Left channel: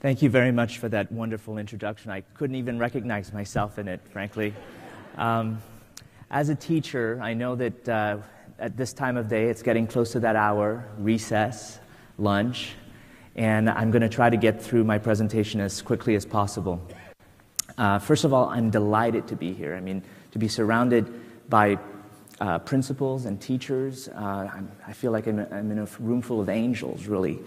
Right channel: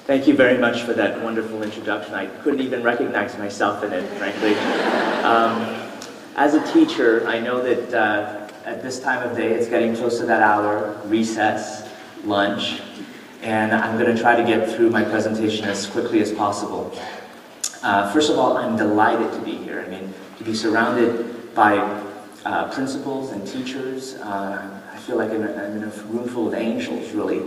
Thank you very much for that wonderful introduction. I couldn't even recognize myself in it, frankly. As a teacher, I know that at this time of day, it's getting close to that hour, recess, lunch, and I'm going to try to get through my presentation as quickly as possible. First of all, I'm delighted to be here. I mean, to be surrounded by principals and teachers. I feel like I'm in a room full of angels, really.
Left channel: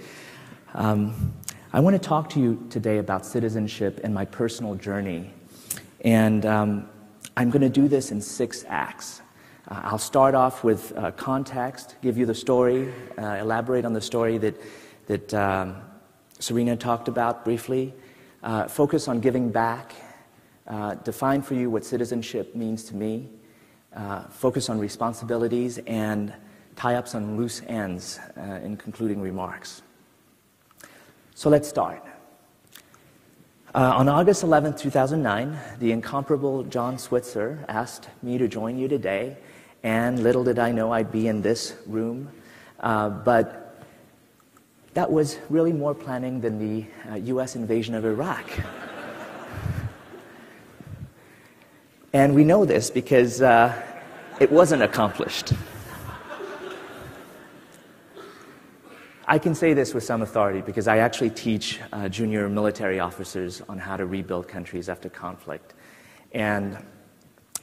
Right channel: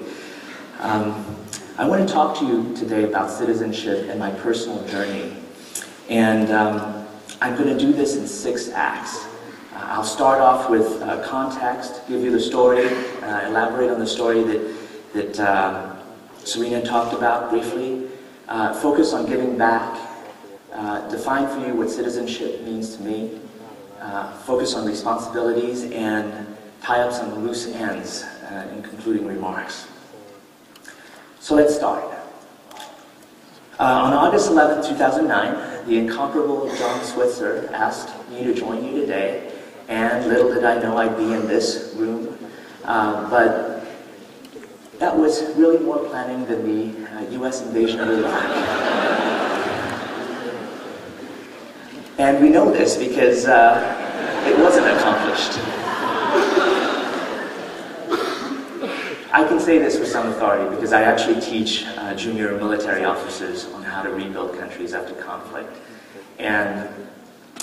I want to talk to you today about citizenship and my personal journey. And I'm going to do this in 6 acts. I'll start off with context, give you the story, elaborate on the story that Serena talked about briefly, focus on giving back, define for you what citizenship means to me, focus on responsibilities, and tie up some loose ends in concluding remarks. So let's start. On August 11, 2009, the incomparable John Switzer asked me to join you today, and little did I know I'd be in this room, but that was really more planning than the U.S. invasion of Iraq. And we know this because it wasn't accomplished. I can say this with some authority because I actually teach junior military officers on how to rebuild countries after conflict. And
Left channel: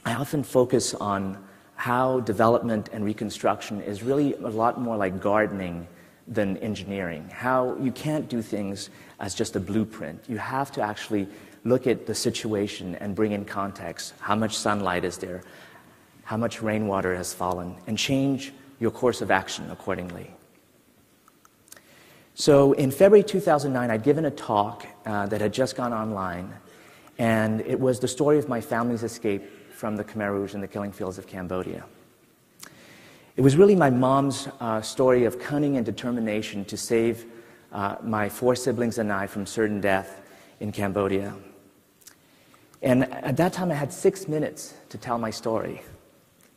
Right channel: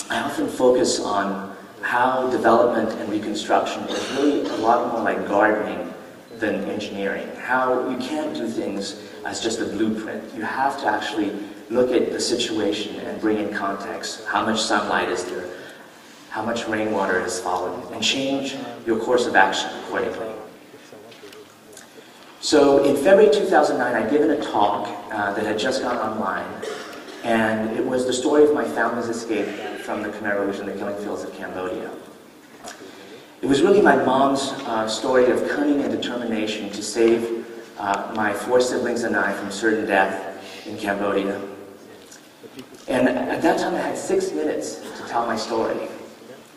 I often focus on how development and reconstruction is really a lot more like gardening than engineering. How you can't do things as just a blueprint. You have to actually look at the situation and bring in context. How much sunlight is there? How much rainwater is falling? And change your course of action accordingly. So in February 2009, I'd given a talk that had just gone online, and it was the story of my family's escape from the Khmer Rouge and the killing fields of Cambodia. It was really my mom's story of cunning and determination to save my 4 siblings and I from certain death in Cambodia. And at that time, I had 6 minutes to tell my story.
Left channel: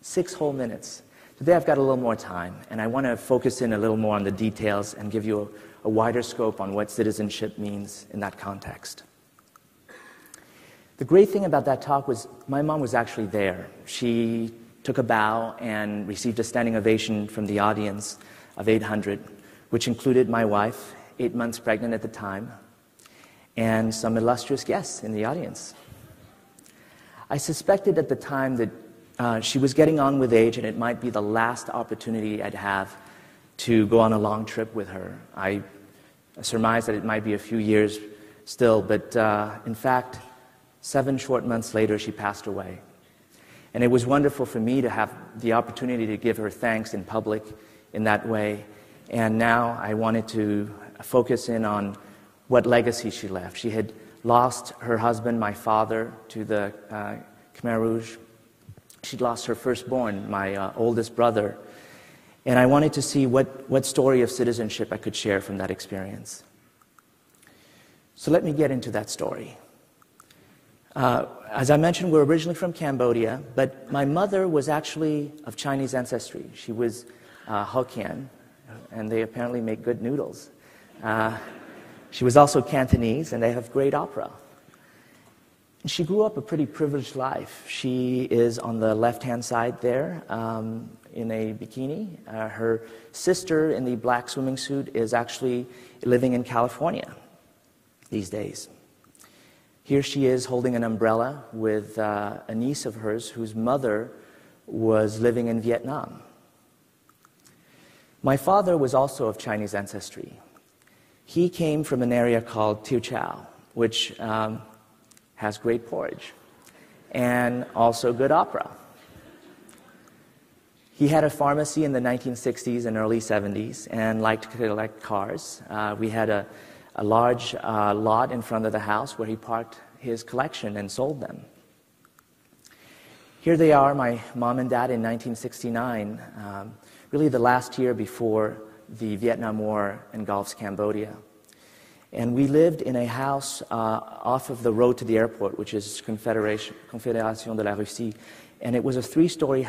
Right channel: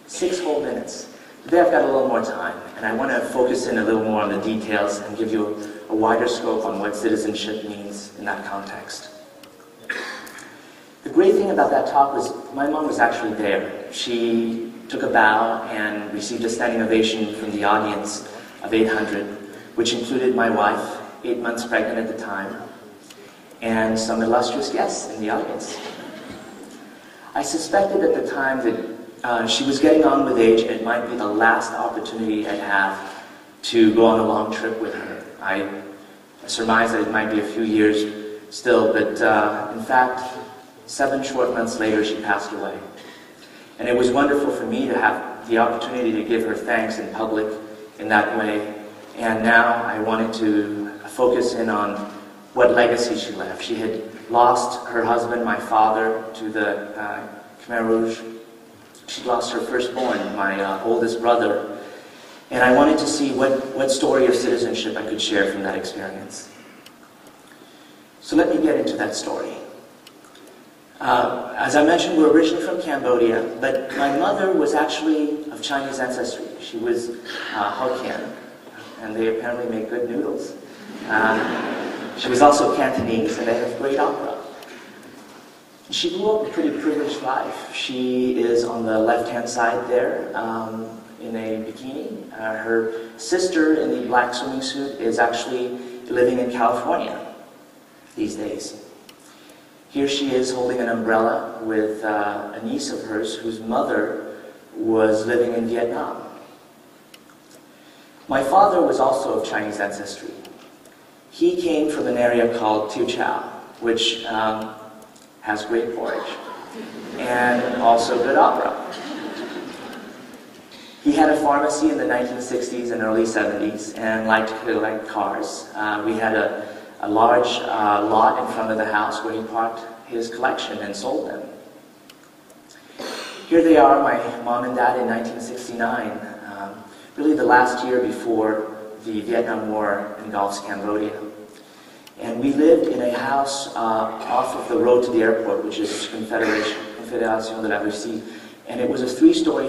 6 full minutes. Today I've got a little more time, and I want to focus in a little more on the details and give you a wider scope on what citizenship means in that context. The great thing about that talk was my mom was actually there. She took a bow and received a standing ovation from the audience of 800, which included my wife, 8 months pregnant at the time, and some illustrious guests in the audience. I suspected at the time that she was getting on with age, and it might be the last opportunity I'd have to go on a long trip with her. I surmised that it might be a few years still, but in fact, 7 short months later, she passed away. And it was wonderful for me to have the opportunity to give her thanks in public in that way. And now I wanted to focus in on what legacy she left. She had lost her husband, my father, to the Khmer Rouge. She lost her firstborn, my oldest brother. And I wanted to see what story of citizenship I could share from that experience. So let me get into that story. As I mentioned, we're originally from Cambodia, but my mother was actually of Chinese ancestry. She was Hokkien, and they apparently make good noodles. She was also Cantonese, and they have great opera. She grew up a pretty privileged life. She is on the left-hand side there in a bikini. Her sister in the black swimming suit is actually living in California these days. Here she is holding an umbrella with a niece of hers whose mother was living in Vietnam. My father was also of Chinese ancestry. He came from an area called Tu Chau, which has great porridge and also good opera. He had a pharmacy in the 1960s and early 70s and liked to collect cars. We had a large lot in front of the house where he parked his collection and sold them. Here they are, my mom and dad in 1969, really the last year before the Vietnam War engulfs Cambodia. And we lived in a house off of the road to the airport, which is Confédération de la Russie. And it was a 3-story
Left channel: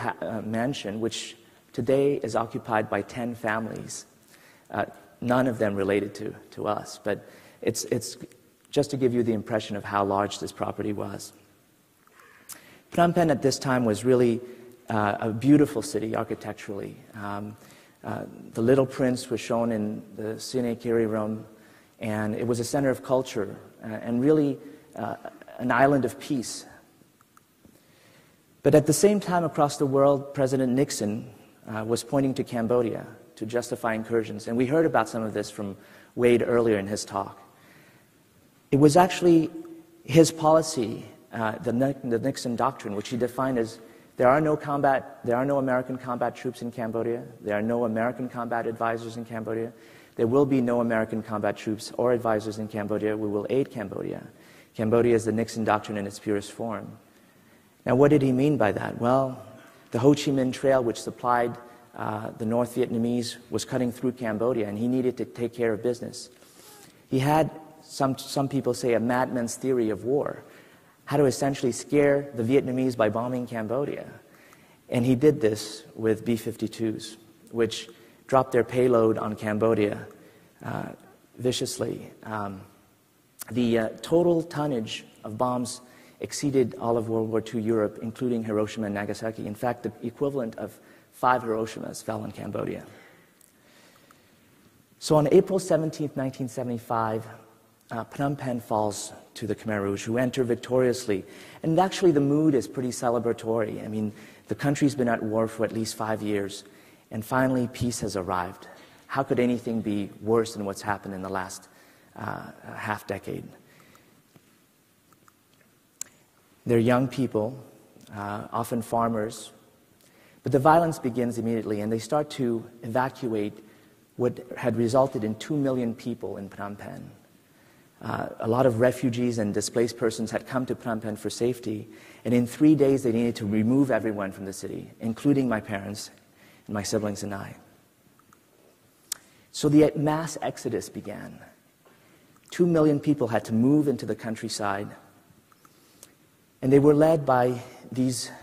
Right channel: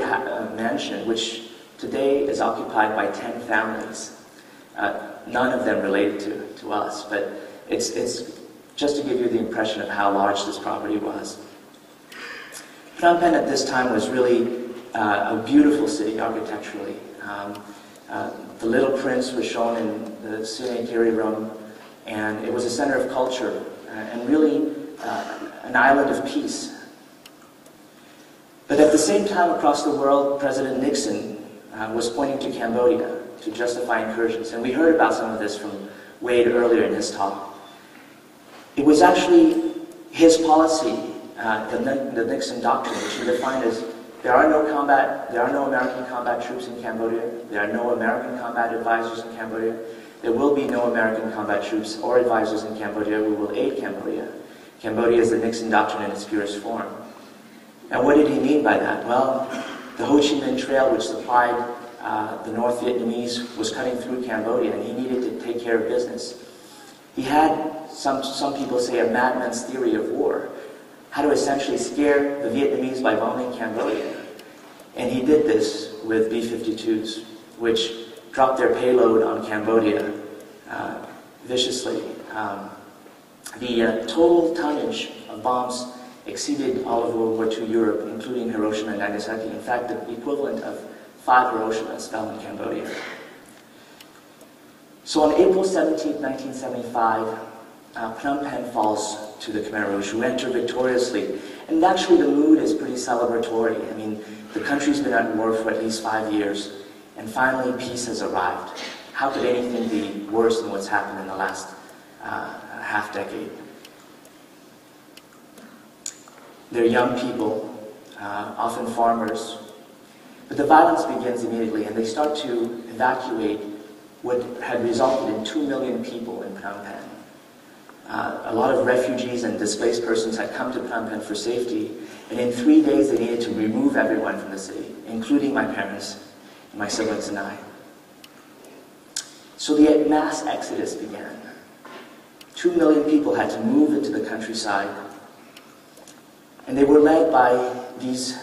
mansion, which today is occupied by 10 families. None of them related to us, but it's just to give you the impression of how large this property was. Phnom Penh at this time was really a beautiful city architecturally. The Little Prince was shown in the Sunetiri room, and it was a center of culture and really an island of peace. But at the same time across the world, President Nixon was pointing to Cambodia to justify incursions. And we heard about some of this from Wade earlier in this talk. It was actually his policy, the Nixon doctrine, which he defined as there are no American combat troops in Cambodia, there are no American combat advisors in Cambodia, there will be no American combat troops or advisors in Cambodia who will aid Cambodia. Cambodia is the Nixon doctrine in its purest form. Now, what did he mean by that? Well, the Ho Chi Minh Trail, which supplied the North Vietnamese, was cutting through Cambodia, and he needed to take care of business. He had, some people say, a madman's theory of war, how to essentially scare the Vietnamese by bombing Cambodia. And he did this with B-52s, which dropped their payload on Cambodia viciously. The total tonnage of bombs exceeded all of World War II Europe, including Hiroshima and Nagasaki. In fact, the equivalent of 5 Hiroshimas fell in Cambodia. So on April 17, 1975, Phnom Penh falls to the Khmer Rouge, who enter victoriously. And actually the mood is pretty celebratory. I mean, the country's been at war for at least 5 years, and finally peace has arrived. How could anything be worse than what's happened in the last half-decade? They're young people, often farmers, but the violence begins immediately, and they start to evacuate what had resulted in 2 million people in Phnom Penh. A lot of refugees and displaced persons had come to Phnom Penh for safety, and in 3 days they needed to remove everyone from the city, including my parents, my siblings, and I. So the mass exodus began. 2 million people had to move into the countryside, and they were led by these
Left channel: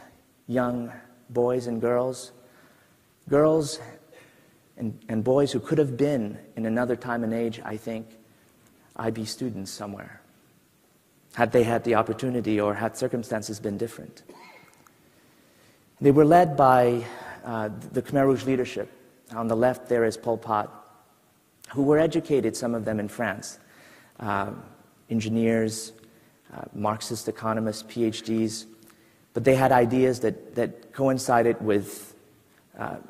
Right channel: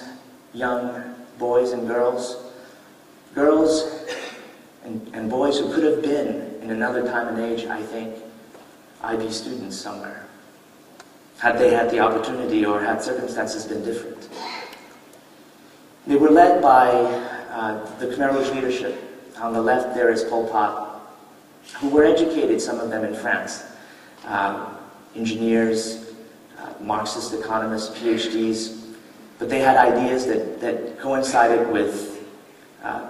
young boys and girls and boys who could have been, in another time and age, I think, IB students somewhere, had they had the opportunity or had circumstances been different. They were led by the Khmer Rouge leadership. On the left there is Pol Pot, who were educated, some of them in France, engineers, Marxist economists, Ph.D s, but they had ideas that coincided with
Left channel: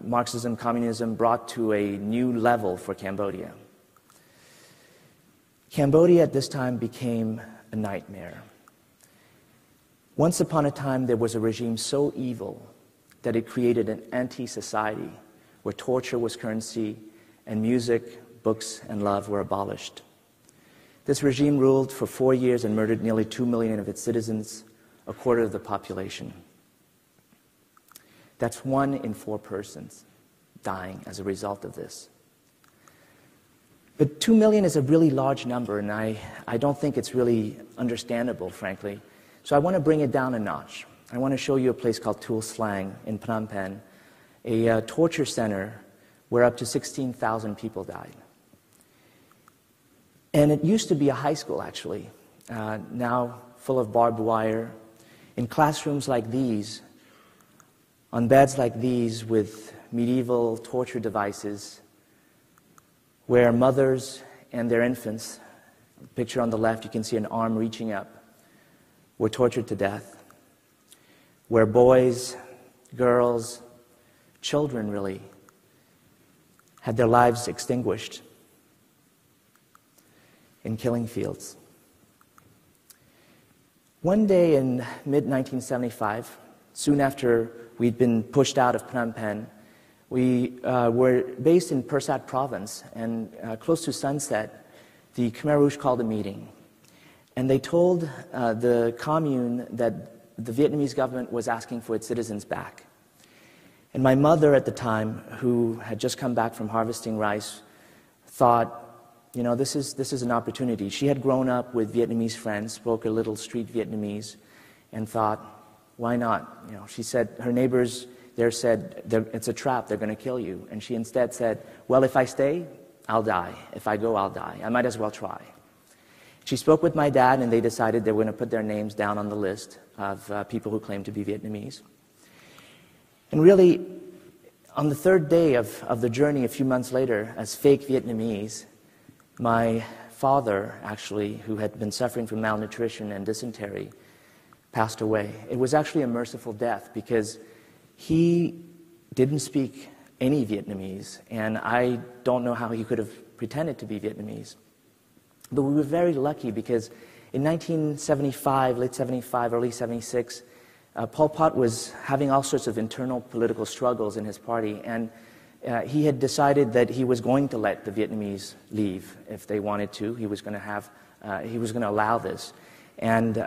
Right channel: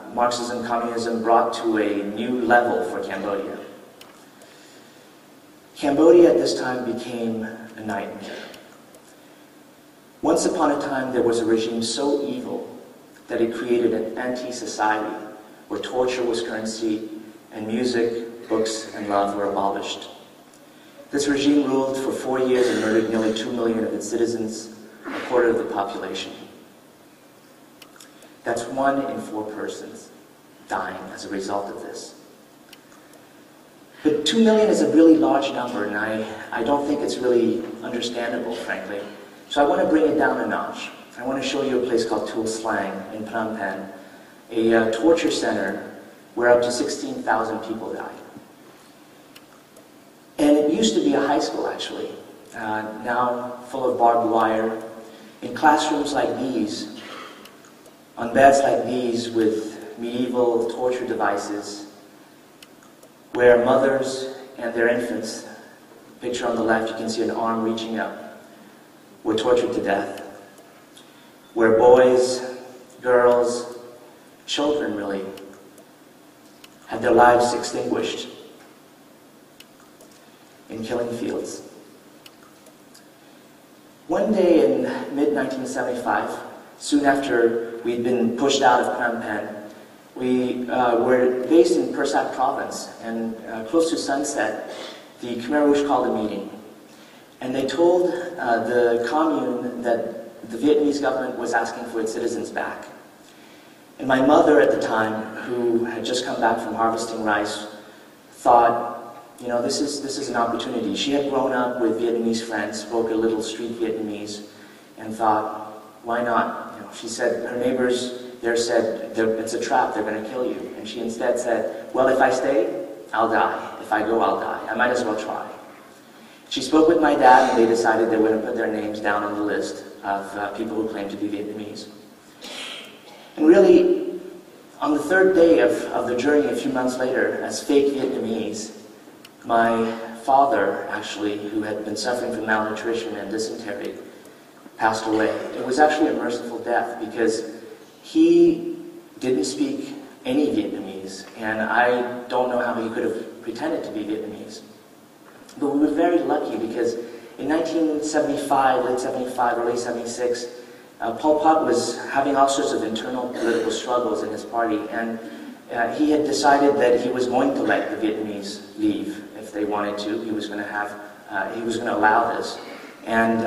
Marxism and communism brought to a new level for Cambodia. Cambodia at this time became a nightmare. Once upon a time, there was a regime so evil that it created an anti-society where torture was currency and music, books, and love were abolished. This regime ruled for 4 years and murdered nearly 2 million of its citizens, a quarter of the population. That's 1 in 4 persons dying as a result of this. But 2 million is a really large number, and I don't think it's really understandable, frankly. So I want to bring it down a notch. I want to show you a place called Tuol Sleng in Phnom Penh, a torture center where up to 16,000 people died. And it used to be a high school, actually, now full of barbed wire, in classrooms like these, on beds like these with medieval torture devices, where mothers and their infants, picture on the left, you can see an arm reaching up, were tortured to death, where boys, girls, children really, had their lives extinguished in killing fields. One day in mid-1975, soon after we'd been pushed out of Phnom Penh, we were based in Pursat province, and close to sunset, the Khmer Rouge called a meeting. And they told the commune that the Vietnamese government was asking for its citizens back. And my mother at the time, who had just come back from harvesting rice, thought, you know, this is an opportunity. She had grown up with Vietnamese friends, spoke a little street Vietnamese, and thought, why not? You know, she said her neighbors there said, it's a trap, they're going to kill you. And she instead said, well, if I stay, I'll die. If I go, I'll die. I might as well try. She spoke with my dad, and they decided they were going to put their names down on the list of people who claimed to be Vietnamese. And really, on the third day of the journey, a few months later, as fake Vietnamese, my father, actually, who had been suffering from malnutrition and dysentery, passed away. It was actually a merciful death because he didn't speak any Vietnamese, and I don't know how he could have pretended to be Vietnamese. But we were very lucky because in 1975, late 75, early 76, Pol Pot was having all sorts of internal political struggles in his party, and he had decided that he was going to let the Vietnamese leave if they wanted to. He was going to allow this. And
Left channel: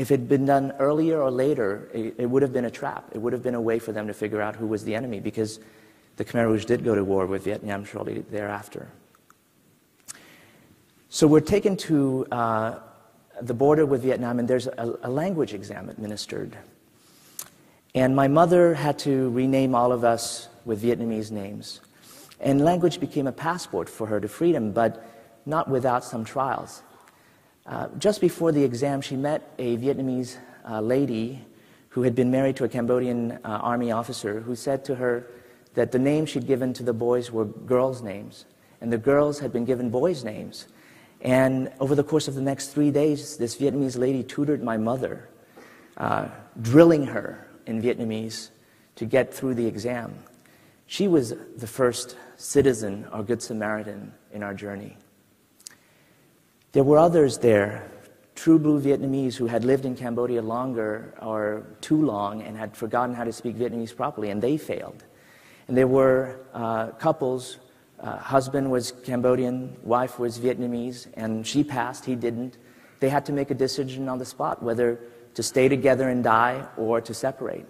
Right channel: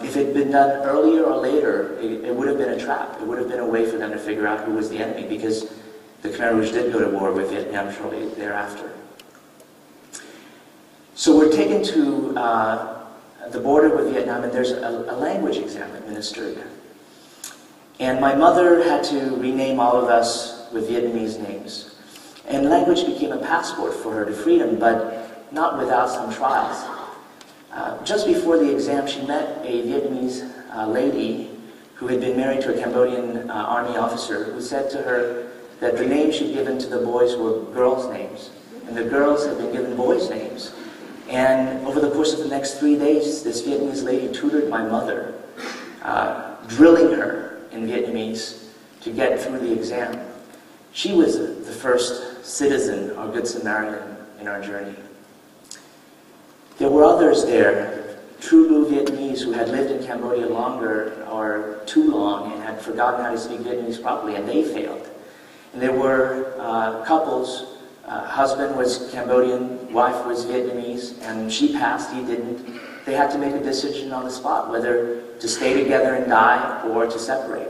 if it had been done earlier or later, it would have been a trap. It would have been a way for them to figure out who was the enemy, because the Khmer Rouge did go to war with Vietnam shortly thereafter. So we're taken to the border with Vietnam, and there's a language exam administered. And my mother had to rename all of us with Vietnamese names. And language became a passport for her to freedom, but not without some trials. Just before the exam, she met a Vietnamese lady who had been married to a Cambodian army officer, who said to her that the names she'd given to the boys were girls' names, and the girls had been given boys' names. And over the course of the next 3 days, this Vietnamese lady tutored my mother, drilling her in Vietnamese to get through the exam. She was the first citizen or Good Samaritan in our journey. There were others there, true blue Vietnamese who had lived in Cambodia longer or too long and had forgotten how to speak Vietnamese properly, and they failed. And there were couples, husband was Cambodian, wife was Vietnamese, and she passed, he didn't. They had to make a decision on the spot whether to stay together and die or to separate.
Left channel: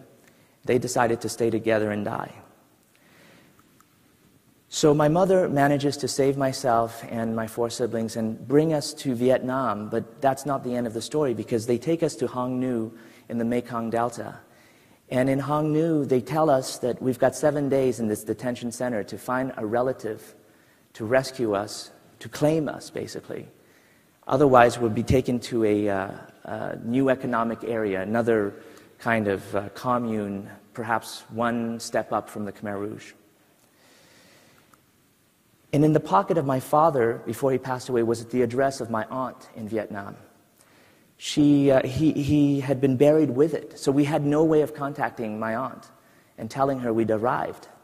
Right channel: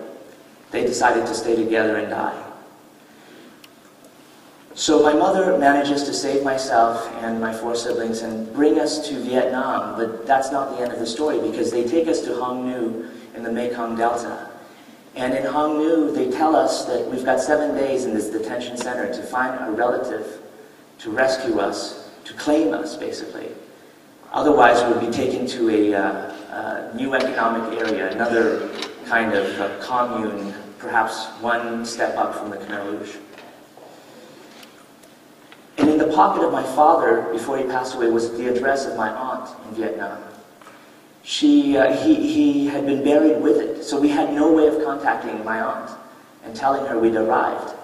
They decided to stay together and die. So my mother manages to save myself and my 4 siblings and bring us to Vietnam, but that's not the end of the story, because they take us to Hong Nu in the Mekong Delta. And in Hong Nu, they tell us that we've got 7 days in this detention center to find a relative, to rescue us, to claim us, basically. Otherwise, we'll be taken to a new economic area, another kind of commune, perhaps one step up from the Khmer Rouge. And in the pocket of my father, before he passed away, was the address of my aunt in Vietnam. He had been buried with it, so we had no way of contacting my aunt and telling her we'd arrived.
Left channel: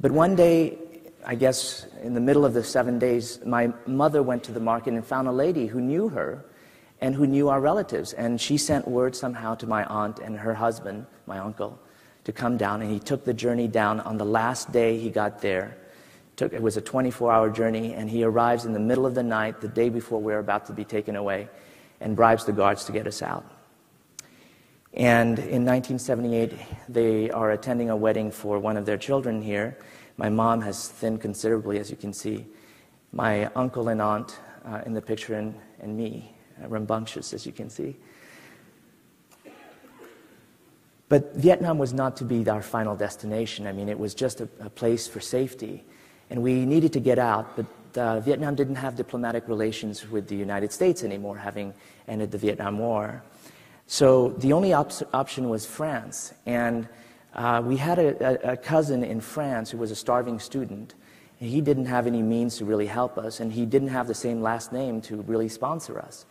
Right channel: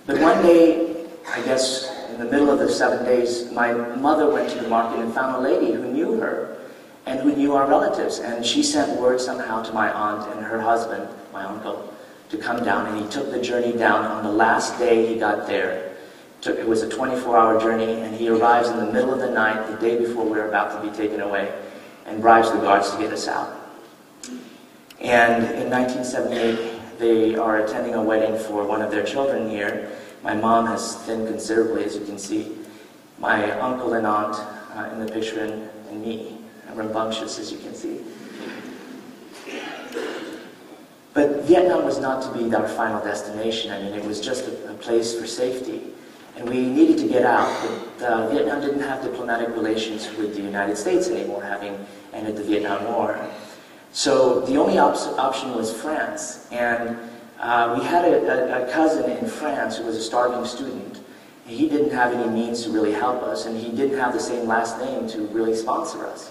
But one day, I guess in the middle of the 7 days, my mother went to the market and found a lady who knew her and who knew our relatives, and she sent word somehow to my aunt and her husband, my uncle, to come down, and he took the journey down. On the last day he got there, it was a 24-hour journey, and he arrives in the middle of the night, the day before we were about to be taken away, and bribes the guards to get us out. And in 1978, they are attending a wedding for one of their children here. My mom has thinned considerably, as you can see. My uncle and aunt in the picture, and me. We're rambunctious, as you can see. But Vietnam was not to be our final destination. I mean, it was just a place for safety. And we needed to get out, but Vietnam didn't have diplomatic relations with the United States anymore, having ended the Vietnam War. So the only option was France. And we had a cousin in France who was a starving student. And he didn't have any means to really help us, and he didn't have the same last name to really sponsor us.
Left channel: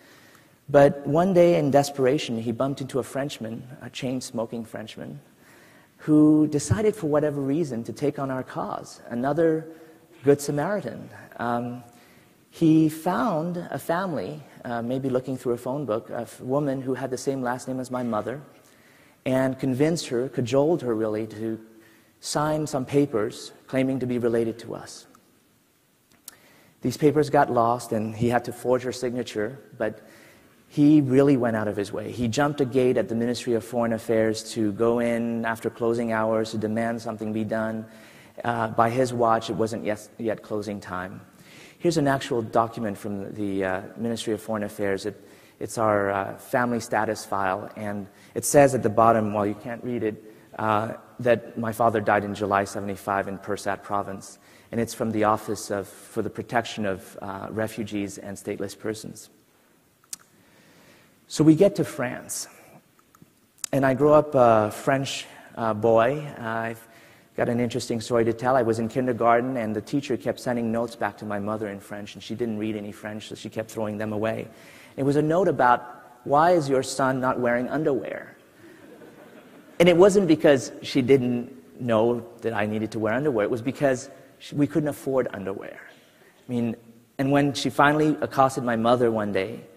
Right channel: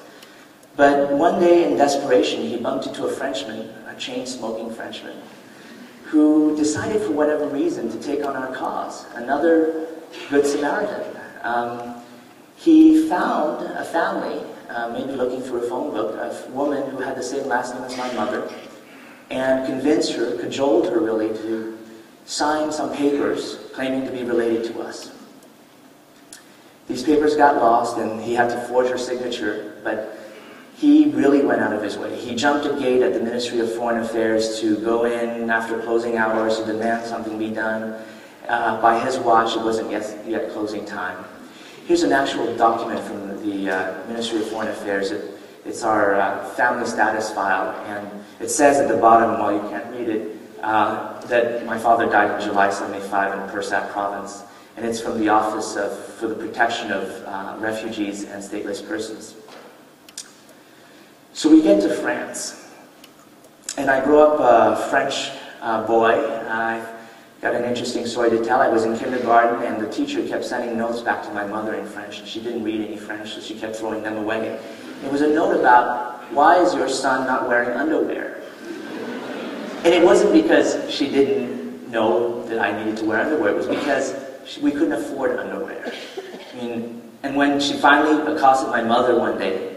But one day, in desperation, he bumped into a Frenchman, a chain-smoking Frenchman, who decided for whatever reason to take on our cause, another Good Samaritan. He found a family, maybe looking through a phone book, a woman who had the same last name as my mother, and convinced her, cajoled her really, to sign some papers claiming to be related to us. These papers got lost, and he had to forge her signature, but he really went out of his way. He jumped a gate at the Ministry of Foreign Affairs to go in after closing hours and demand something be done. By his watch, it wasn't yet closing time. Here's an actual document from the Ministry of Foreign Affairs. It's our family status file, and it says at the bottom, while you can't read it, that my father died in July 75 in Pursat Province. and it's from the Office for the Protection of Refugees and Stateless Persons. So we get to France, and I grew up a French boy. I've got an interesting story to tell. I was in kindergarten, and the teacher kept sending notes back to my mother in French, and she didn't read any French, so she kept throwing them away. It was a note about, why is your son not wearing underwear? And it wasn't because she didn't know that I needed to wear underwear. It was because we couldn't afford underwear. I mean, and when she finally accosted my mother one day,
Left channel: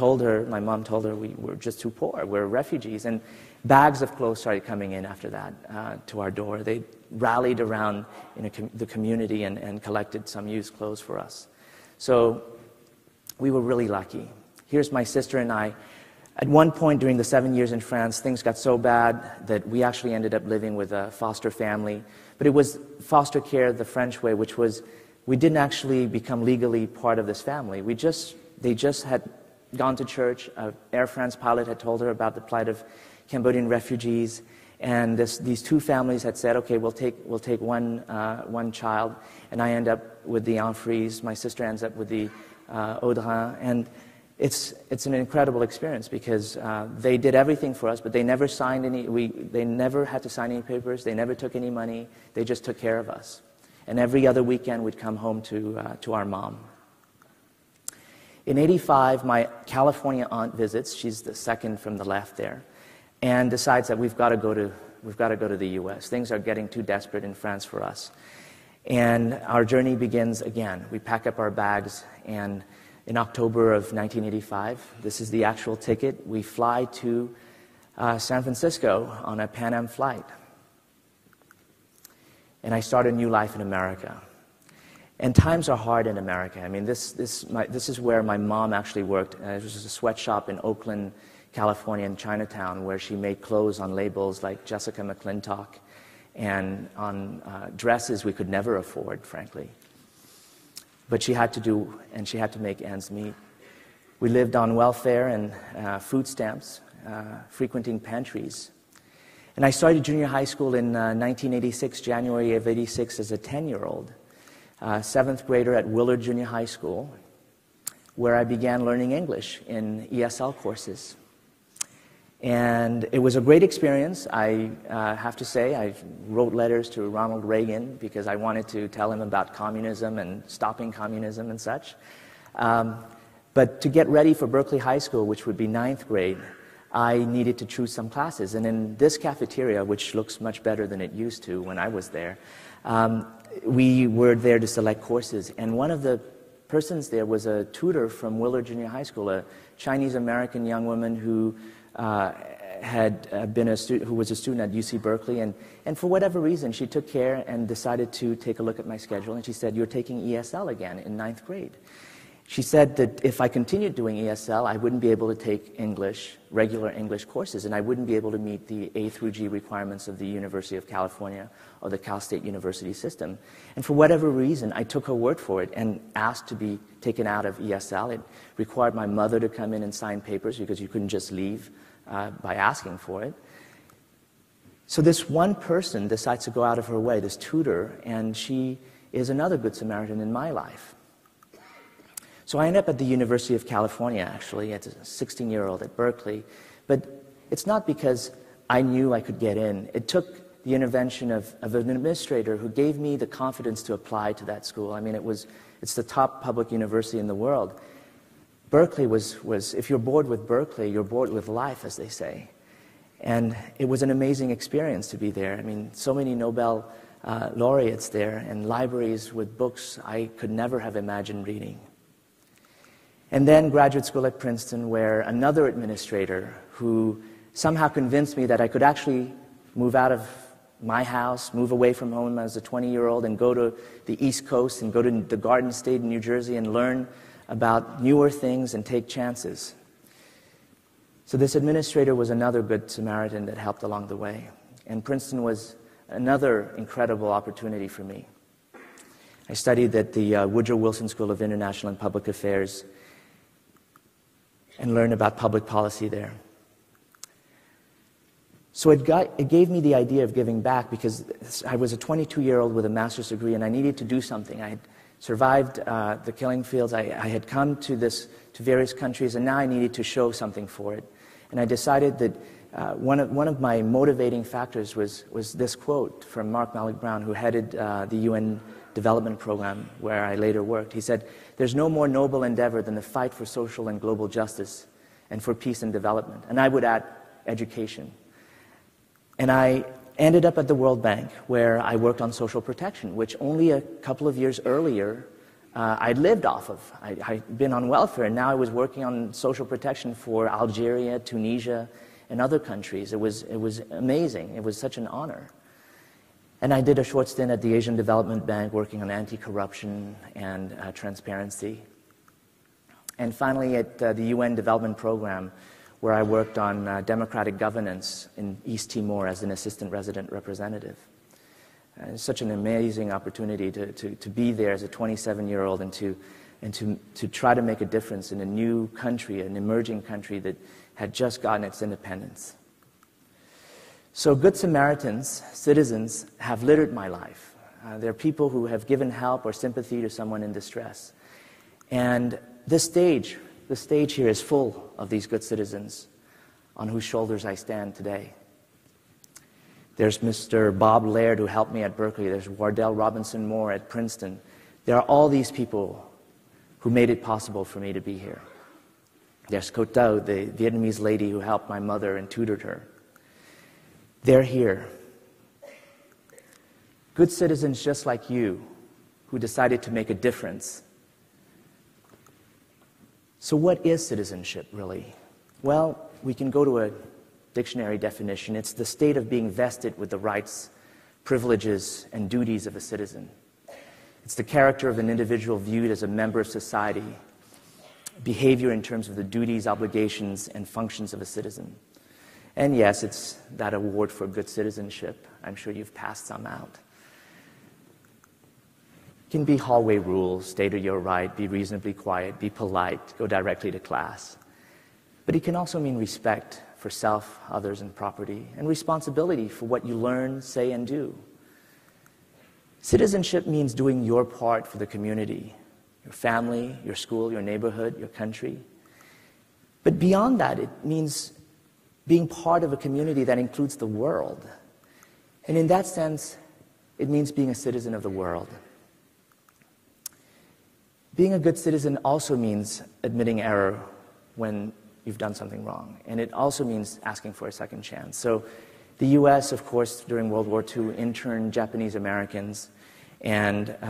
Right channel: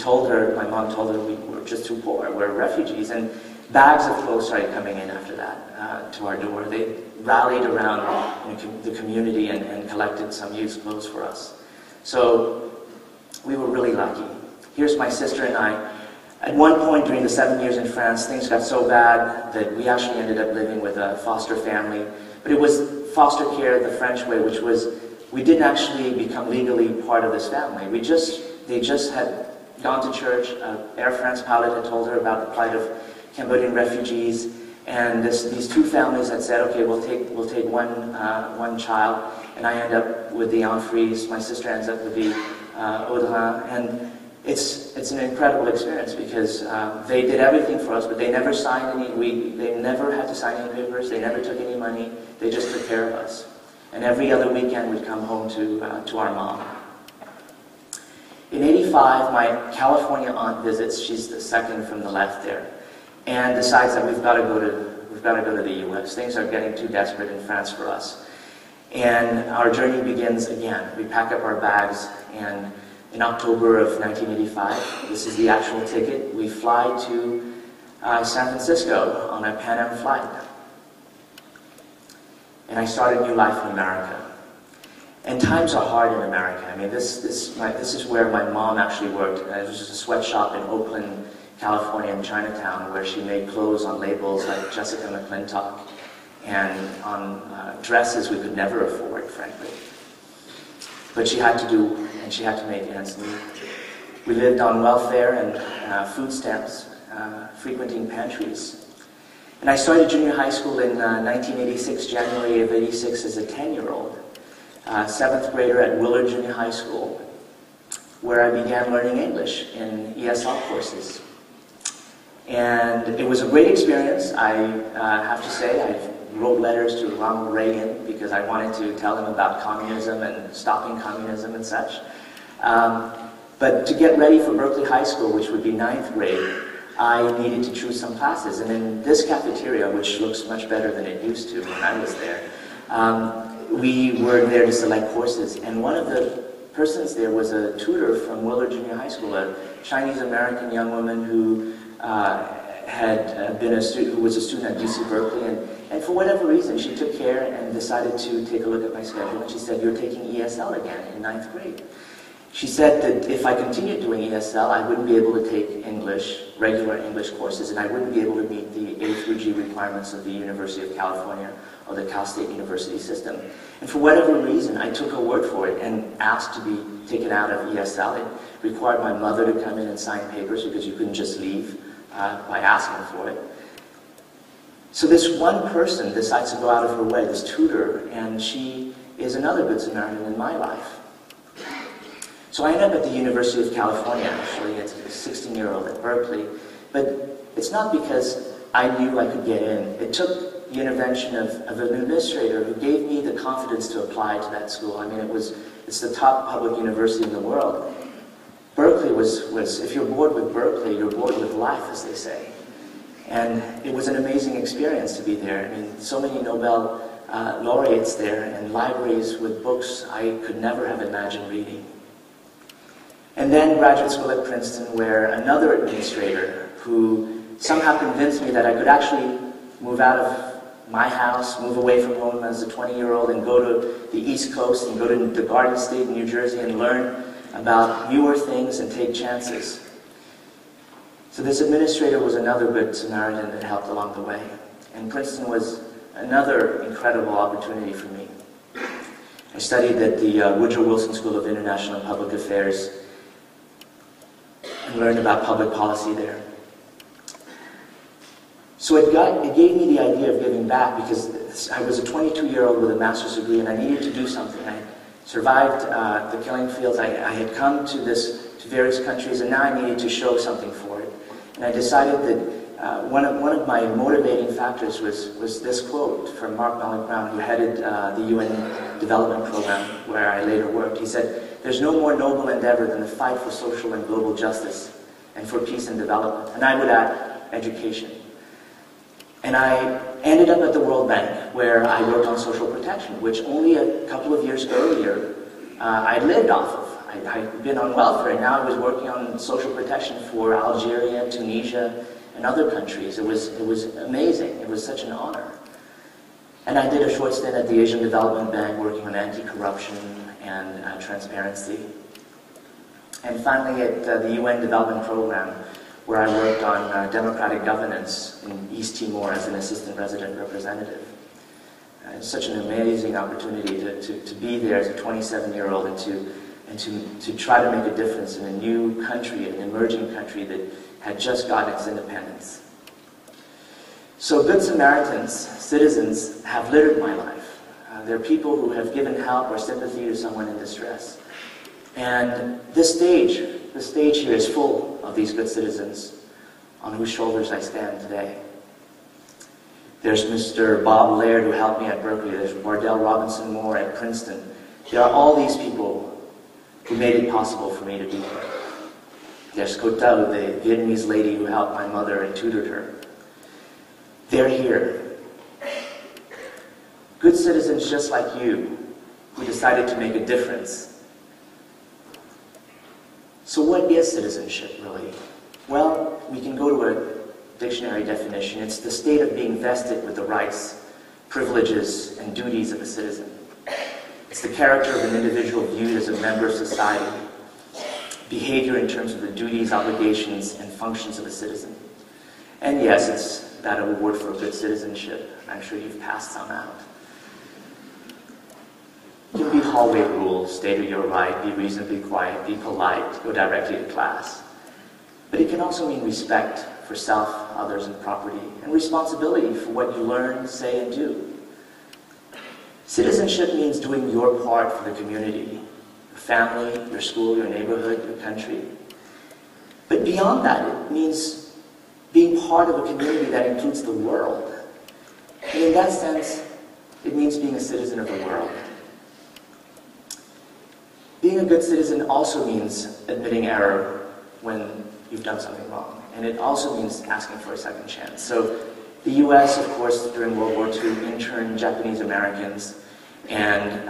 my mom told her we were just too poor, we were refugees, and bags of clothes started coming in after that to our door. They rallied around the community and collected some used clothes for us. So we were really lucky. Here's my sister and I. At one point during the 7 years in France, things got so bad that we actually ended up living with a foster family. But it was foster care the French way, which was we didn't actually become legally part of this family. They just had gone to church. Air France pilot had told her about the plight of Cambodian refugees, and these two families had said, okay, we'll take one child, and I end up with the Enfries. My sister ends up with the Audrin, and it's an incredible experience because they did everything for us, but they never signed they never had to sign any papers. They never took any money. They just took care of us, and every other weekend we'd come home to our mom. In '85, my California aunt visits. She's the second from the left there, and decides that we've got to go to the U.S. Things are getting too desperate in France for us, and our journey begins again. We pack up our bags, and in October of 1985, this is the actual ticket. We fly to San Francisco on a Pan Am flight, and I start a new life in America. And times are hard in America. I mean, this is where my mom actually worked. And it was a sweatshop in Oakland, California, in Chinatown, where she made clothes on labels like Jessica McClintock and on dresses we could never afford, frankly. But she had to do, and she had to make ends meet. We lived on welfare and food stamps, frequenting pantries. And I started junior high school in 1986, January of '86, as a 10-year-old. 7th grader at Willard Junior High School, where I began learning English in ESL courses. And it was a great experience. I have to say, I wrote letters to Ronald Reagan because I wanted to tell him about communism and stopping communism and such. But to get ready for Berkeley High School, which would be 9th grade, I needed to choose some classes. And in this cafeteria, which looks much better than it used to when I was there, we were there to select courses, and one of the persons there was a tutor from Willard Junior High School, a Chinese-American young woman who had been who was a student at UC Berkeley, and for whatever reason, she took care and decided to take a look at my schedule, and she said, "You're taking ESL again in 9th grade." She said that if I continued doing ESL, I wouldn't be able to take regular English courses, and I wouldn't be able to meet the A through G requirements of the University of California or the Cal State University system. And for whatever reason, I took her word for it and asked to be taken out of ESL. It required my mother to come in and sign papers because you couldn't just leave by asking for it. So this one person decides to go out of her way, this tutor, and she is another good Samaritan in my life. So I ended up at the University of California, actually, as a 16-year-old at Berkeley. But it's not because I knew I could get in. It took the intervention of an administrator who gave me the confidence to apply to that school. I mean, it's the top public university in the world. Berkeley was if you're bored with Berkeley, you're bored with life, as they say. And it was an amazing experience to be there. I mean, so many Nobel laureates there, and libraries with books I could never have imagined reading. And then graduate school at Princeton, where another administrator who somehow convinced me that I could actually move out of my house, move away from home as a 20-year-old and go to the East Coast and go to the Garden State in New Jersey and learn about newer things and take chances. So this administrator was another good Samaritan that helped along the way. And Princeton was another incredible opportunity for me. I studied at the Woodrow Wilson School of International Public Affairs and learned about public policy there. So it gave me the idea of giving back because I was a 22-year-old with a master's degree and I needed to do something. I survived the killing fields. I had come to various countries and now I needed to show something for it. And I decided that one of my motivating factors was this quote from Mark Malcolm, who headed the UN Development Program where I later worked. He said, "There's no more noble endeavor than the fight for social and global justice and for peace and development." And I would add education. And I ended up at the World Bank where I worked on social protection, which only a couple of years earlier I lived off of. I'd been on welfare, and now I was working on social protection for Algeria, Tunisia, and other countries. It was amazing. It was such an honor. And I did a short stint at the Asian Development Bank working on anti-corruption and transparency. And finally at the UN Development Program, where I worked on democratic governance in East Timor as an assistant resident representative. It's such an amazing opportunity to be there as a 27-year-old and to try to make a difference in a new country, an emerging country that had just got its independence. So Good Samaritans, citizens, have littered my life. They're people who have given help or sympathy to someone in distress. And this stage here is full of these good citizens on whose shoulders I stand today. There's Mr. Bob Laird, who helped me at Berkeley. There's Wardell Robinson Moore at Princeton. There are all these people who made it possible for me to be here. There's Sophal, the Vietnamese lady who helped my mother and tutored her. They're here. Good citizens just like you who decided to make a difference. So what is citizenship, really? Well, we can go to a dictionary definition. It's the state of being vested with the rights, privileges, and duties of a citizen. It's the character of an individual viewed as a member of society, behavior in terms of the duties, obligations, and functions of a citizen. And yes, it's that award for good citizenship. I'm sure you've passed some out. It can be hallway rules, stay to your right, be reasonably quiet, be polite, go directly to class. But it can also mean respect for self, others, and property, and responsibility for what you learn, say, and do. Citizenship means doing your part for the community, your family, your school, your neighborhood, your country. But beyond that, it means being part of a community that includes the world. And in that sense, it means being a citizen of the world. Being a good citizen also means admitting error when you've done something wrong. And it also means asking for a second chance. So the U.S., of course, during World War II, interned Japanese Americans, and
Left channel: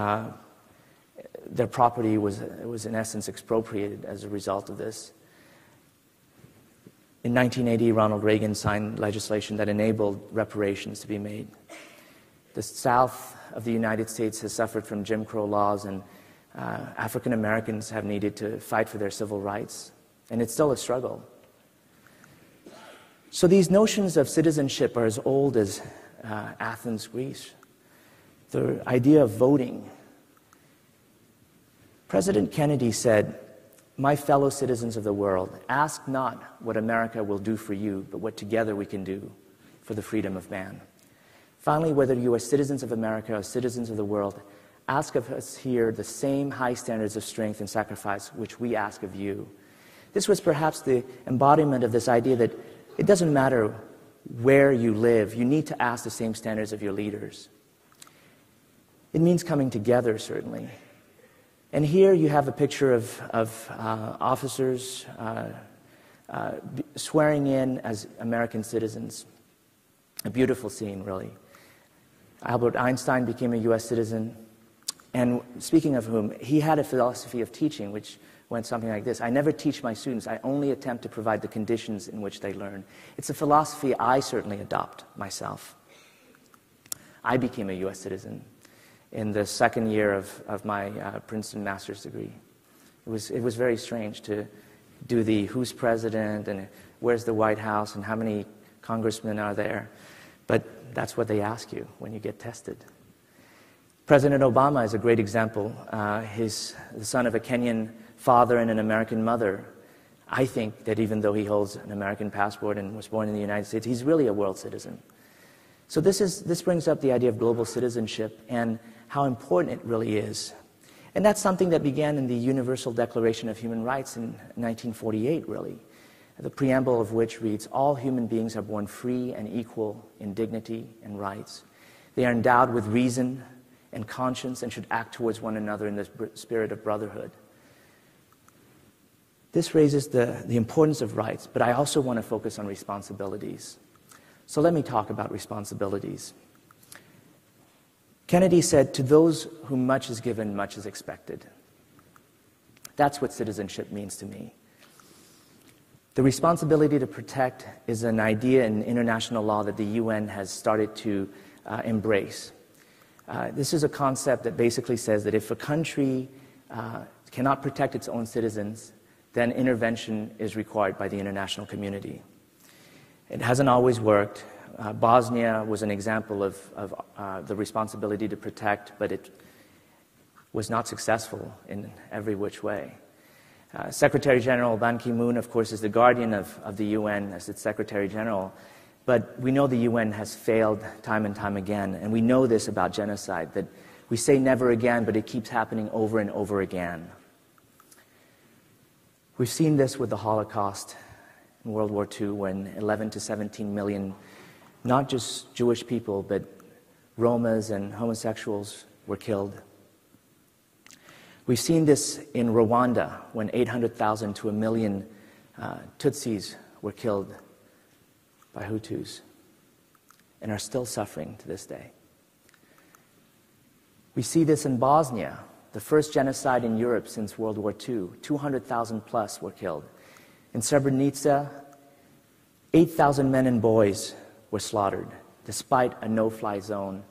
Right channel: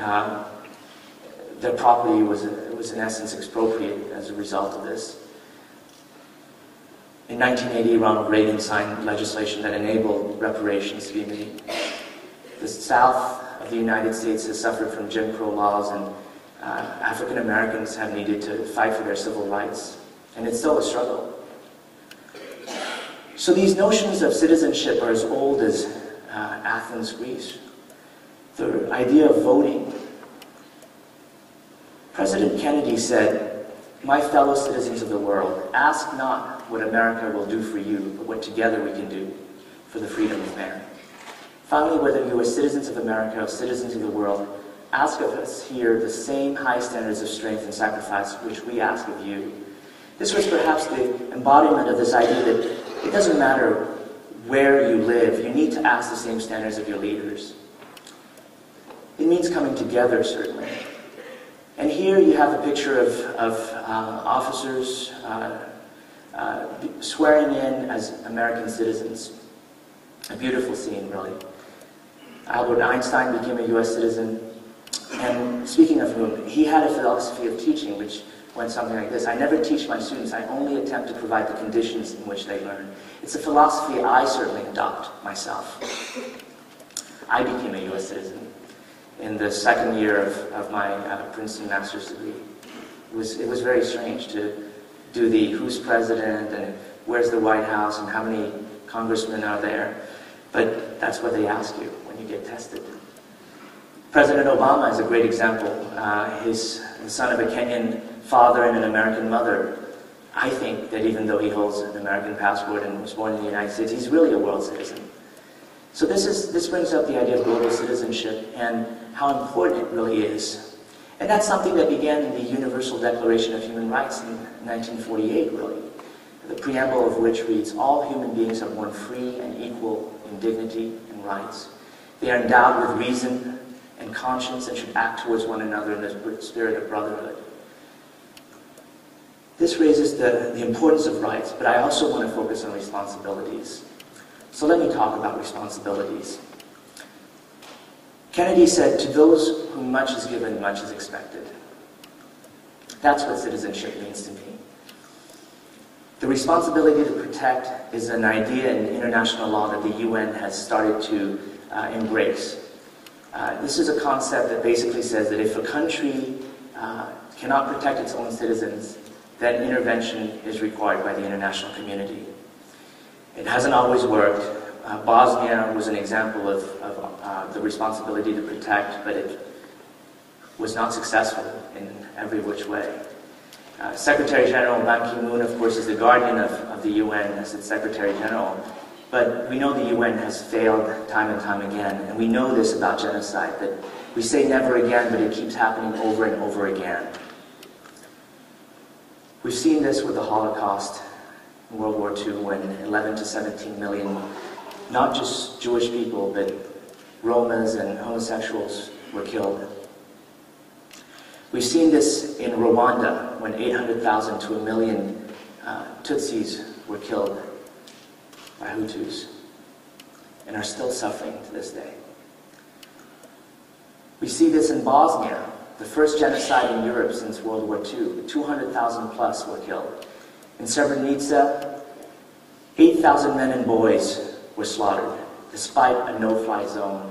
their property was in essence expropriated as a result of this. In 1980, Ronald Reagan signed legislation that enabled reparations to be made. The South of the United States has suffered from Jim Crow laws, and African Americans have needed to fight for their civil rights, and it's still a struggle. So these notions of citizenship are as old as Athens, Greece. The idea of voting. President Kennedy said, "My fellow citizens of the world, ask not what America will do for you, but what together we can do for the freedom of man." Finally, whether you are citizens of America or citizens of the world, ask of us here the same high standards of strength and sacrifice which we ask of you. This was perhaps the embodiment of this idea that it doesn't matter where you live, you need to ask the same standards of your leaders. It means coming together, certainly. And here you have a picture of officers swearing in as American citizens. A beautiful scene, really. Albert Einstein became a U.S. citizen. And speaking of whom, he had a philosophy of teaching which went something like this: I never teach my students, I only attempt to provide the conditions in which they learn. It's a philosophy I certainly adopt myself. I became a U.S. citizen in the second year of my Princeton master's degree. It was very strange to do the who's president and where's the White House and how many congressmen are there. But that's what they ask you when you get tested. President Obama is a great example. He's the son of a Kenyan father and an American mother. I think that even though he holds an American passport and was born in the United States, he's really a world citizen. So this brings up the idea of global citizenship and how important it really is. And that's something that began in the Universal Declaration of Human Rights in 1948, really. The preamble of which reads, "All human beings are born free and equal in dignity and rights. They are endowed with reason and conscience and should act towards one another in the spirit of brotherhood." This raises the importance of rights, but I also want to focus on responsibilities. So let me talk about responsibilities. Kennedy said, "To those whom much is given, much is expected." That's what citizenship means to me. The responsibility to protect is an idea in international law that the UN has started to embrace. This is a concept that basically says that if a country cannot protect its own citizens, then intervention is required by the international community. It hasn't always worked. Bosnia was an example of the responsibility to protect, but it was not successful in every which way. Secretary General Ban Ki-moon, of course, is the guardian of the UN as its Secretary General, but we know the UN has failed time and time again, and we know this about genocide, that we say never again, but it keeps happening over and over again. We've seen this with the Holocaust in World War II, when 11 to 17 million, not just Jewish people, but Romas and homosexuals were killed. We've seen this in Rwanda, when 800,000 to 1 million Tutsis were killed by Hutus, and are still suffering to this day. We see this in Bosnia, the first genocide in Europe since World War II. 200,000 plus were killed. In Srebrenica, 8,000 men and boys were slaughtered, despite a no-fly zone,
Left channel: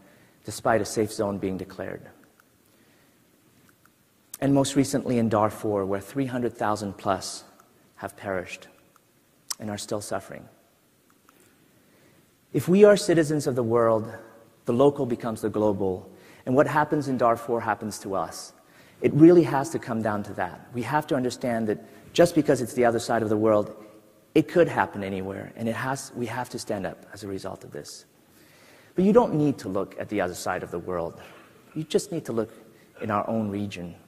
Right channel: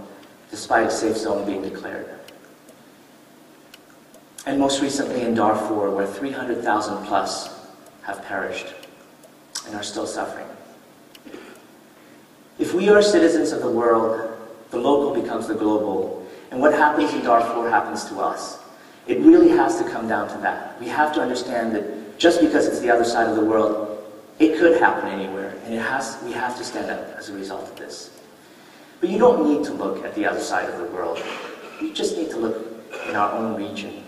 despite a safe zone being declared. And most recently in Darfur, where 300,000 plus have perished and are still suffering. If we are citizens of the world, the local becomes the global, and what happens in Darfur happens to us. It really has to come down to that. We have to understand that just because it's the other side of the world, it could happen anywhere, and we have to stand up as a result of this. But you don't need to look at the other side of the world. You just need to look in our own region.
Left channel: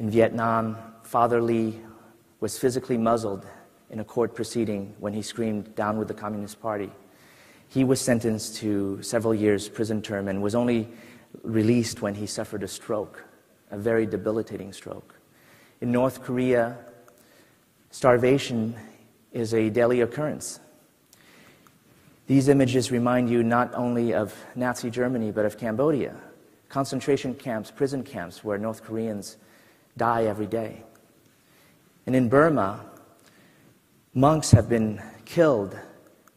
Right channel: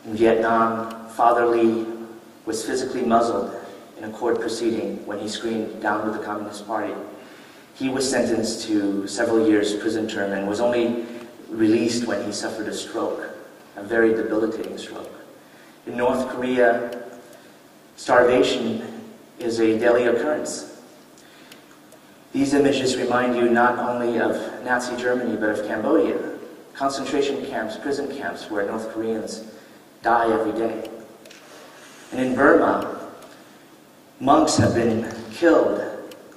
In Vietnam, Father Lee was physically muzzled in a court proceeding when he screamed, "Down with the Communist Party." He was sentenced to several years prison term and was only released when he suffered a stroke, a very debilitating stroke. In North Korea, starvation is a daily occurrence. These images remind you not only of Nazi Germany, but of Cambodia, concentration camps, prison camps, where North Koreans die every day. And in Burma, monks have been killed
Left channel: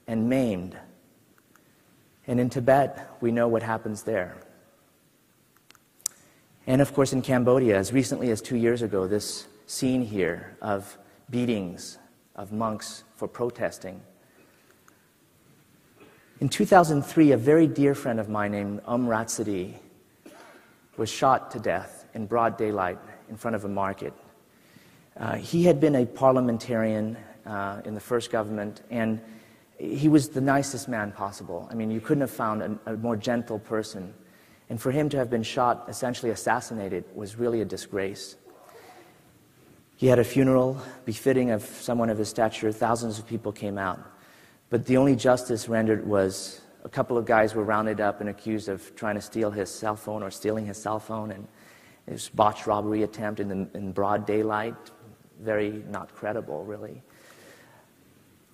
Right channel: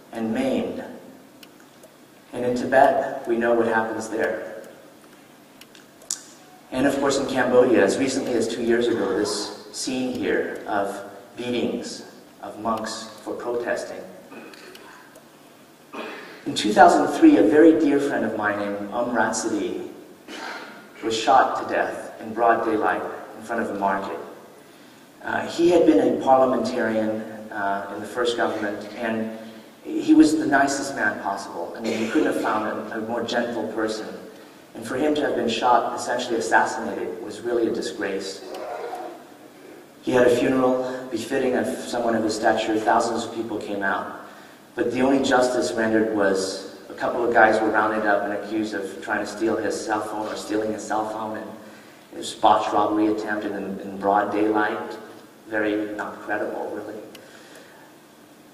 and maimed. And in Tibet, we know what happens there. And of course in Cambodia, as recently as 2 years ago, this scene here of beatings of monks for protesting. In 2003, a very dear friend of mine named Rhapsody was shot to death in broad daylight in front of the market. He had been a parliamentarian in the first government, and he was the nicest man possible. I mean, you couldn't have found a more gentle person. And for him to have been shot, essentially assassinated, was really a disgrace. He had a funeral befitting of someone of his stature. Thousands of people came out. But the only justice rendered was a couple of guys were rounded up and accused of trying to steal his cell phone or stealing his cell phone. And it was a botched robbery attempt in broad daylight. Very not credible, really.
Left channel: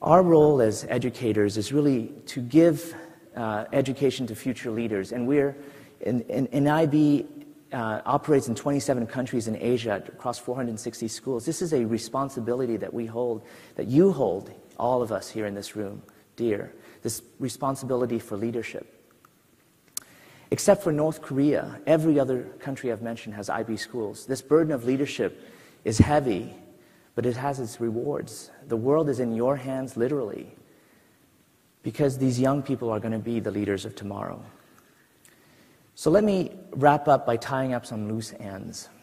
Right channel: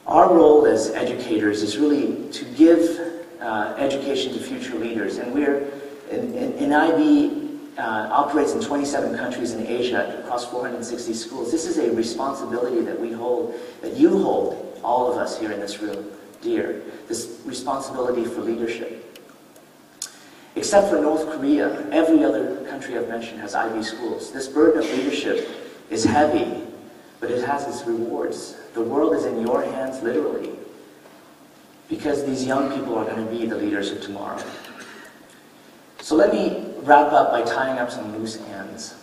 Our role as educators is really to give education to future leaders. And in IB operates in 27 countries in Asia, across 460 schools. This is a responsibility that we hold, that you hold, all of us here in this room, dear. This responsibility for leadership. Except for North Korea, every other country I've mentioned has IB schools. This burden of leadership is heavy, but it has its rewards. The world is in your hands, literally, because these young people are going to be the leaders of tomorrow. So let me wrap up by tying up some loose ends.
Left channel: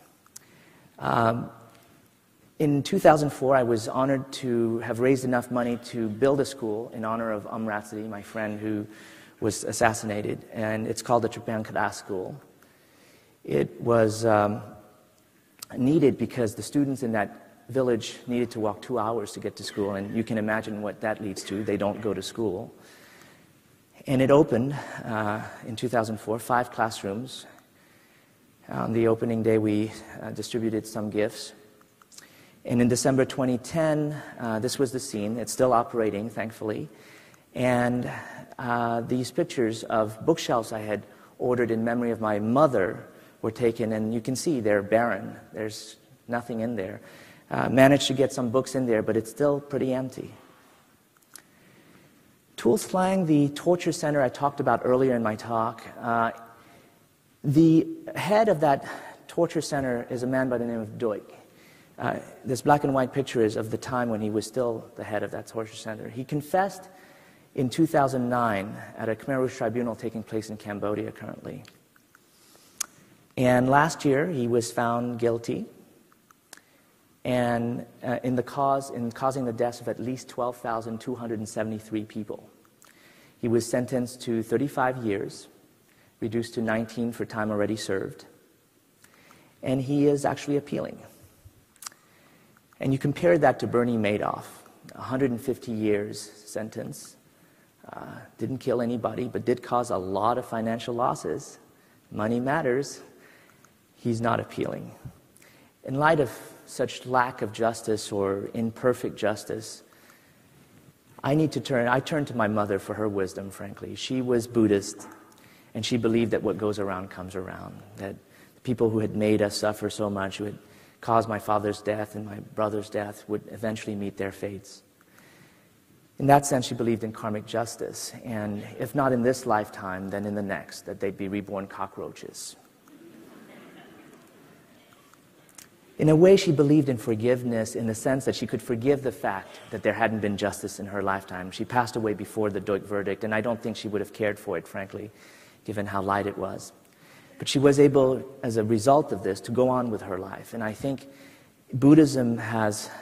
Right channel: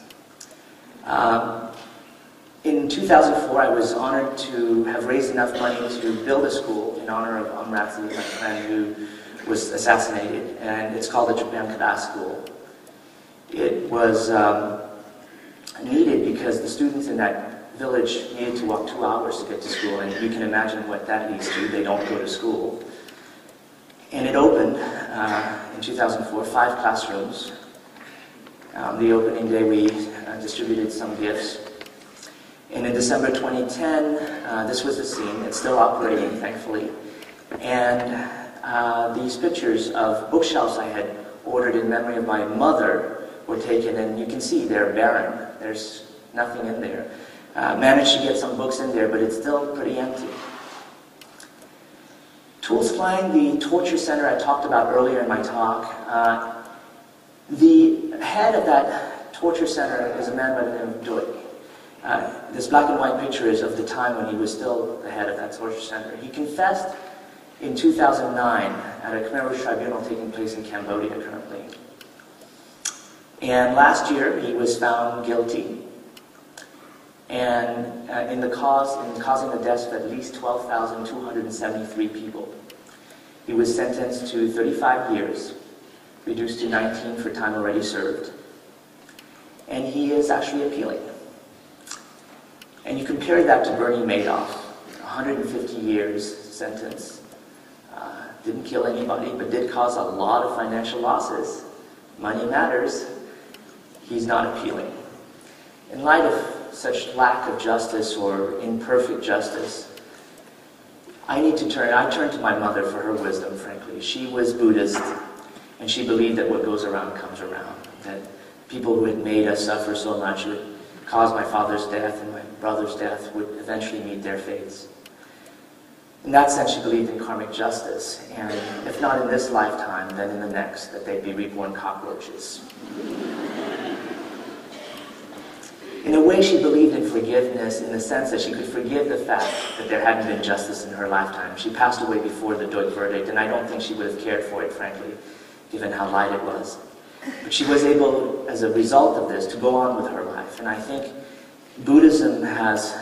In 2004, I was honored to have raised enough money to build a school in honor of Amrati, my friend who was assassinated, and it's called the Japan Class School. It was needed because the students in that village needed to walk 2 hours to get to school, and you can imagine what that leads to. They don't go to school. And it opened in 2004, 5 classrooms. On the opening day, we distributed some gifts. And in December 2010, this was the scene. It's still operating, thankfully. And these pictures of bookshelves I had ordered in memory of my mother were taken, and you can see they're barren. There's nothing in there. I managed to get some books in there, but it's still pretty empty. To explain the torture center I talked about earlier in my talk, the head of that torture center is a man by the name of Doi. This black and white pictures of the time when he was still the head of that torture center. He confessed in 2009 at a criminal tribunal taking place in Cambodia currently. And last year he was found guilty and in causing the deaths of at least 12,273 people. He was sentenced to 35 years, reduced to 19 for time already served. And he is actually appealing. And you compare that to Bernie Madoff, 150 years sentence. Didn't kill anybody, but did cause a lot of financial losses. Money matters. He's not appealing. In light of such lack of justice or imperfect justice, I turn to my mother for her wisdom, frankly. She was Buddhist, and she believed that what goes around comes around, that people who had made us suffer so much would cause my father's death and my brother's death would eventually meet their fates. In that sense, she believed in karmic justice, and if not in this lifetime, then in the next, that they'd be reborn cockroaches. In a way, she believed in forgiveness in the sense that she could forgive the fact that there hadn't been justice in her lifetime. She passed away before the Doi verdict, and I don't think she would have cared for it, frankly, given how light it was. But she was able, as a result of this, to go on with her life. And I think Buddhism has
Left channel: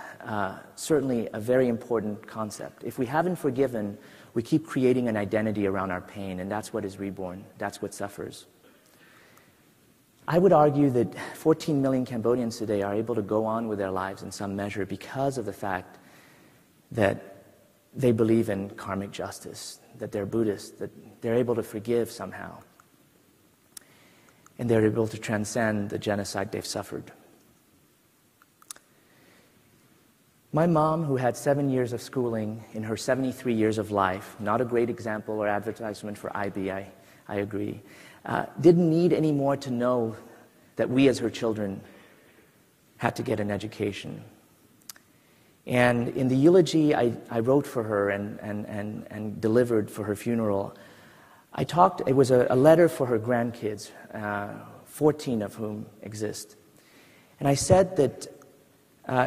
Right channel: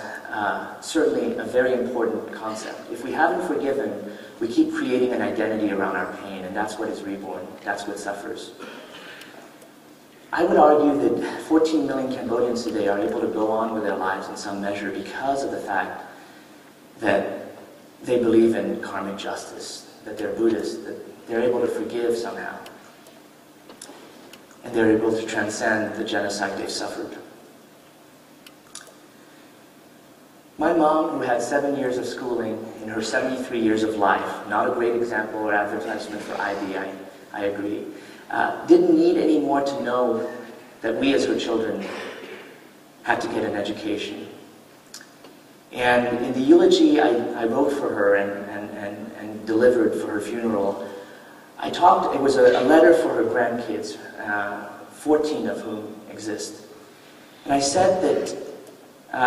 certainly a very important concept. If we haven't forgiven, we keep creating an identity around our pain, and that's what is reborn. That's what suffers. I would argue that 14 million Cambodians today are able to go on with their lives in some measure because of the fact that they believe in karmic justice, that they're Buddhist, that they're able to forgive somehow, and they're able to transcend the genocide they've suffered. My mom, who had 7 years of schooling in her 73 years of life, not a great example or advertisement for IB, I agree, didn't need any more to know that we as her children had to get an education. And in the eulogy I wrote for her and delivered for her funeral, it was a letter for her grandkids, 14 of whom exist. And I said that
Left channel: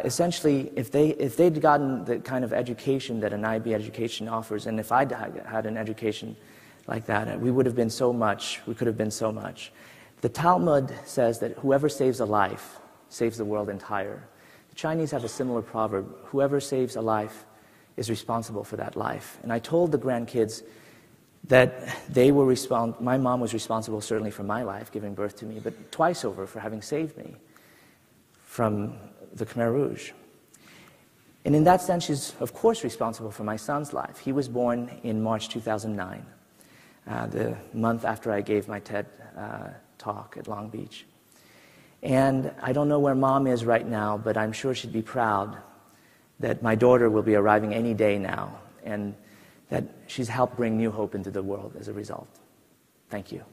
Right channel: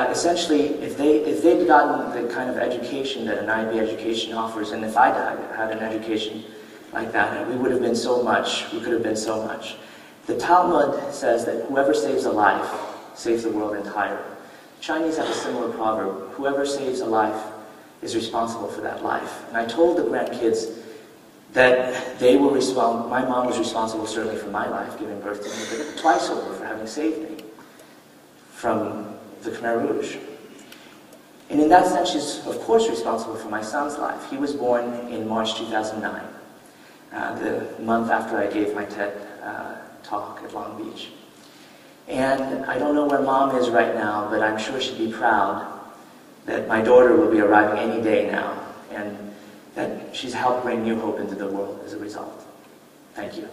essentially, if they'd gotten the kind of education that an IB education offers, and if I had an education like that, we would have been so much, we could have been so much. The Talmud says that whoever saves a life saves the world entire. The Chinese have a similar proverb: whoever saves a life is responsible for that life. And I told the grandkids that they were responsible. My mom was responsible certainly for my life, giving birth to me, but twice over for having saved me from the Khmer Rouge. And in that sense, she's of course responsible for my son's life. He was born in March 2009, the month after I gave my TED talk at Long Beach. And I don't know where Mom is right now, but I'm sure she'd be proud that my daughter will be arriving any day now, and that she's helped bring new hope into the world as a result. Thank you.